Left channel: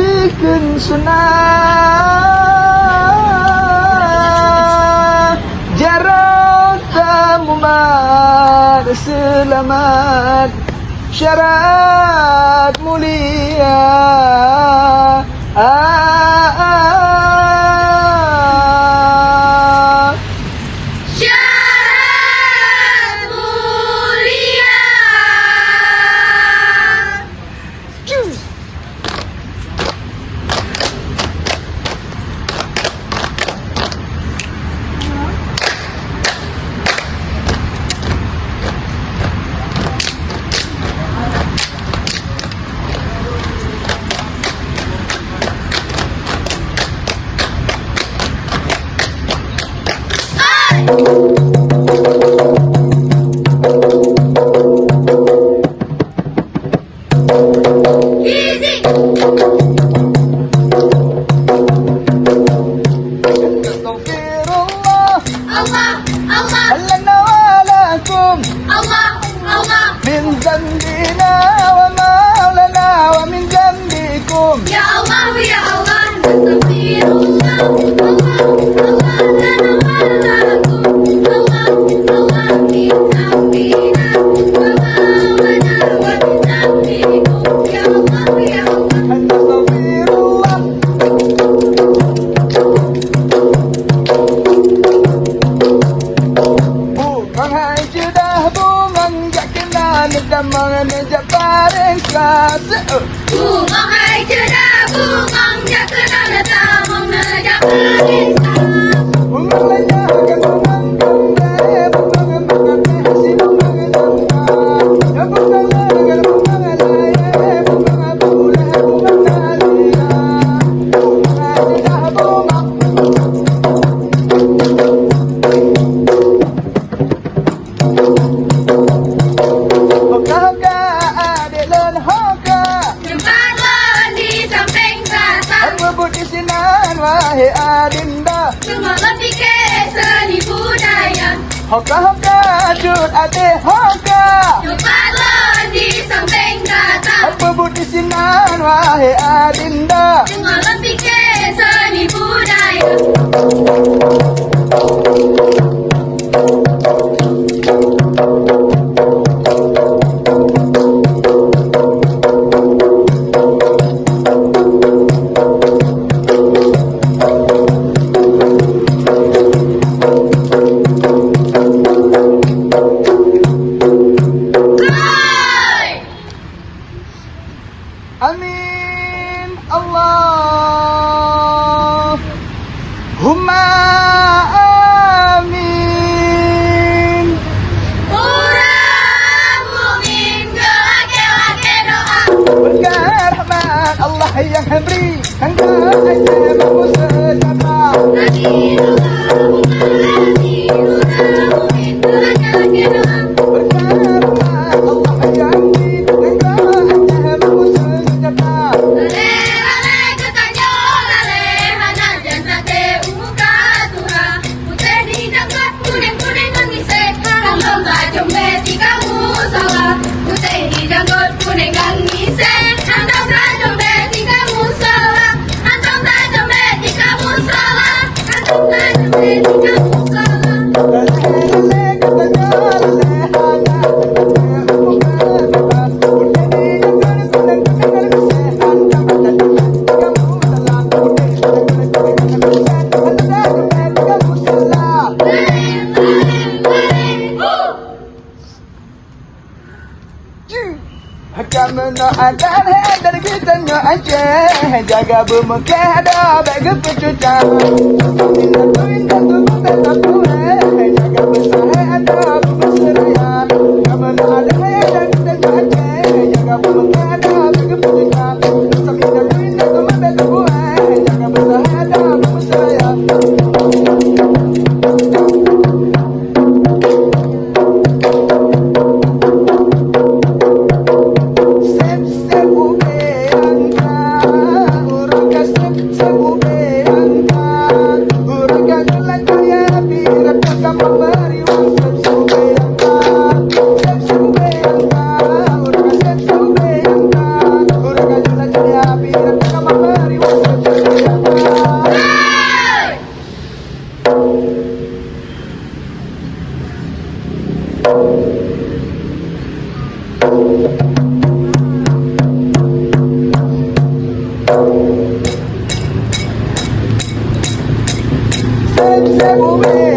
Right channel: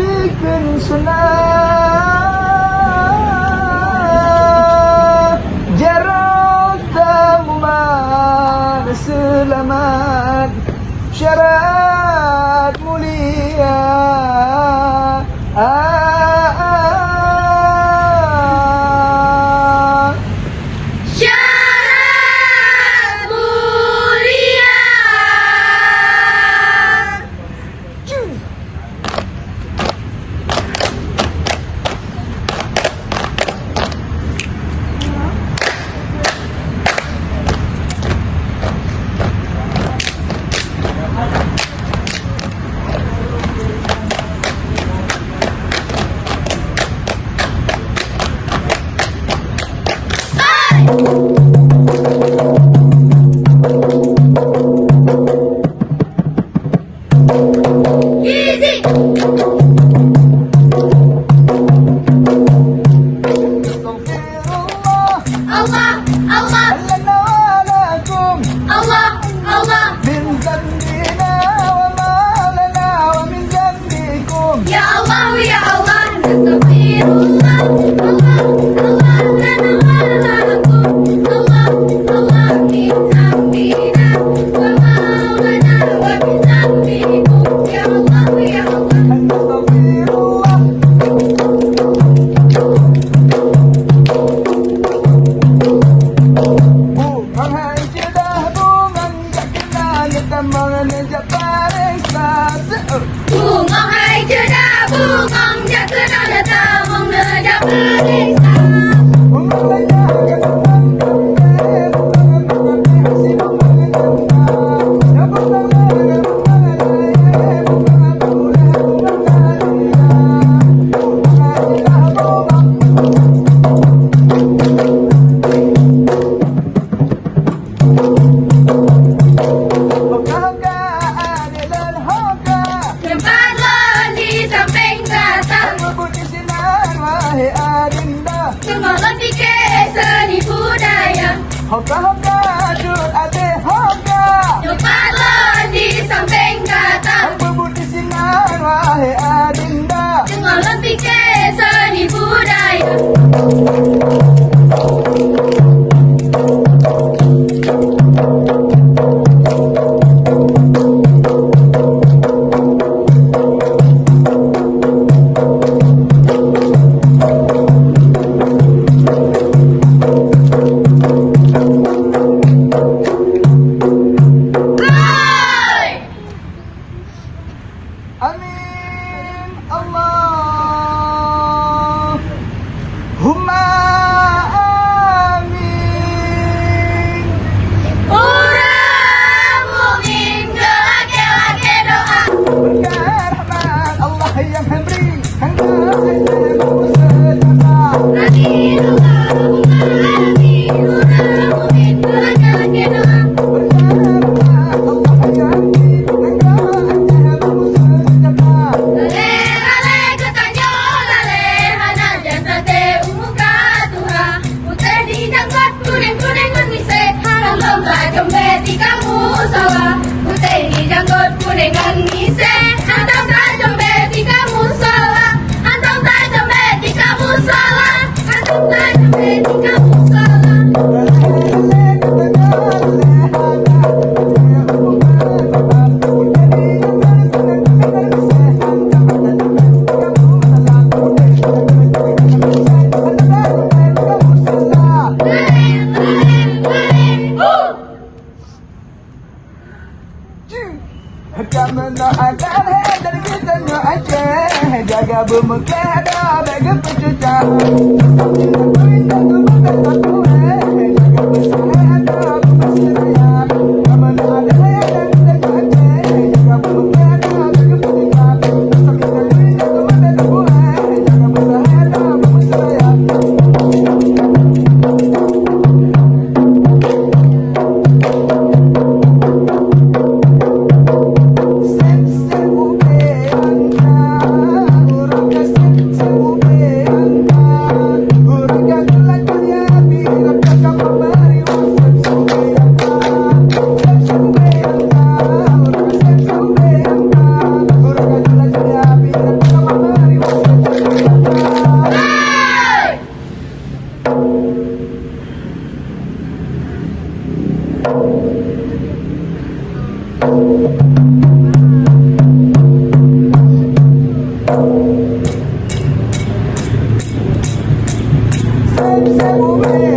bikin senang. Jarang temuan selamat syarat mulia. Syarat mulia. Easy. Allah, Allah, لنا ولكم Allah, Allah. من ذنبنا وما لنا ومن ذنبكم. Ya Allah, ya Allah, nastaghfirullah. Allah, Allah, lana wa lakum. Allah, Allah, min dzambina wa ma lana wa min dzambikum. Ya Allah, ya Allah. نستغفر الله. Bukan sudah mengajak kita ngedam mengejar paling keras. Bunga hai cerdah, bunga jakna datang mengejar perisa. Tempatlah di samping batang, semua lebih ke seni budaya. Tempatlah di samping batang, semua lebih ke seni budaya. Hai! Amin Allahumma amin. Orang mukmin gelake-lake doa. Berkah rahmat Allah yang beri, hendak ajar kamu sejahtera. Amin Allahumma amin. Orang mukmin gelake-lake doa. Berkah rahmat Allah yang beri, hendak ajar kamu sejahtera. Lale lale ketanjo lale hana janta te umuka tura. Putih di jangkat kuning-kuning nangise. Kalau nggak jombet di kamu salah. Putih di jangkat kuning nangise. Antam tak jombet di kamu salah. Antam tak jombet di kamu salah. Antam tak jombet di kamu salah. Kamu ada dari kita aja, jaga bumuknya ada bagai kecucan. Hurrah Sebu